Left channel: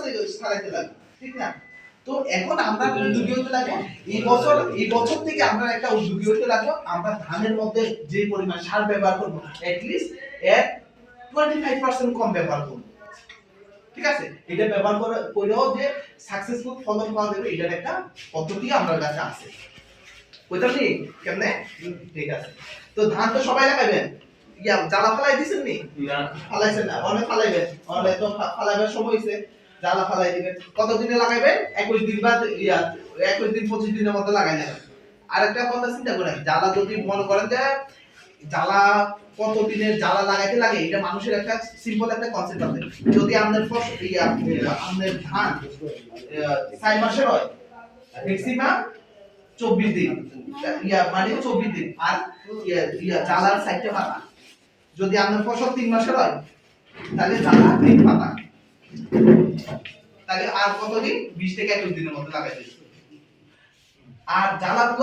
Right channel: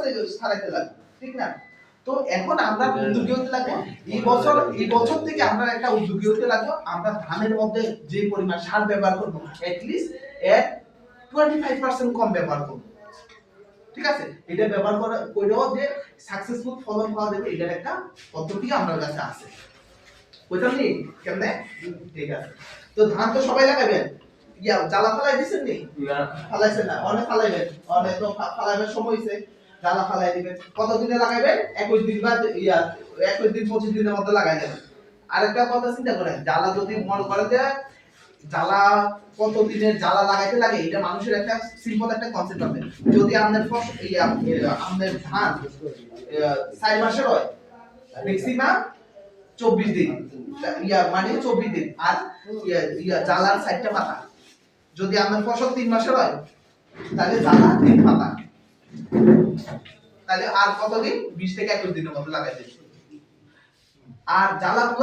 সাথে ছাড়াইতে লাগবে, ঠিক না? তো এখন আমরা উদ্যোগী হতে লাগবো, এই বছর থেকে আমরা একটা উদ্যোগী হতে লাগবো, আমরা ধানের মধ্যে যে পরিমাণ সার ব্যবহার করবো অ্যাটলিস্ট এর 25% কম ব্যবহার করবো, ঠিক আছে? এটা ব্যবহার করেও যে সাকসেসফুল ফলন পাওয়া যাবে এটার একটা পদ্ধতি আমার কাছে আছে, বুঝলেন নি কেমনে? ঠিক আছে। তো ধান তো সবাই লাগাবেন, ইয়া জ্বালা ফালাই দিছেন নি? ফালাইছেন না? অনেক ফালাইবেন, অনেক তো ফালাইবার সময় হইছে, জ্বালা ফালাই দিবেন। কত দিনে লাগাইবেন? 21 দিন বা 21 দিন 25 দিনের মধ্যে লাগাই দেবেন। আরেকটা কথা চিন্তা করেন, জ্বালা যদি মনে করেন যে জ্বালা কত দিনের জ্বালা লাগাইতে লাগে, এটা মানুষের একটা সিম্পল একটা কনসেপ্ট আছে। যদি আপনার আপনার ধান 4 মাসের হয়, ম্যাক্সিমাম 24 দিন, মানে 24 দিন, আর জ্বালার 4টা পাতা। যদি আপনার ফসল 3 মাসের হয় তাহলে জ্বালা 3 পাতা, তাহলে আর কতদিন? 20 থেকে 21 দিনের মধ্যে লাগাই দিন। আর জ্বালা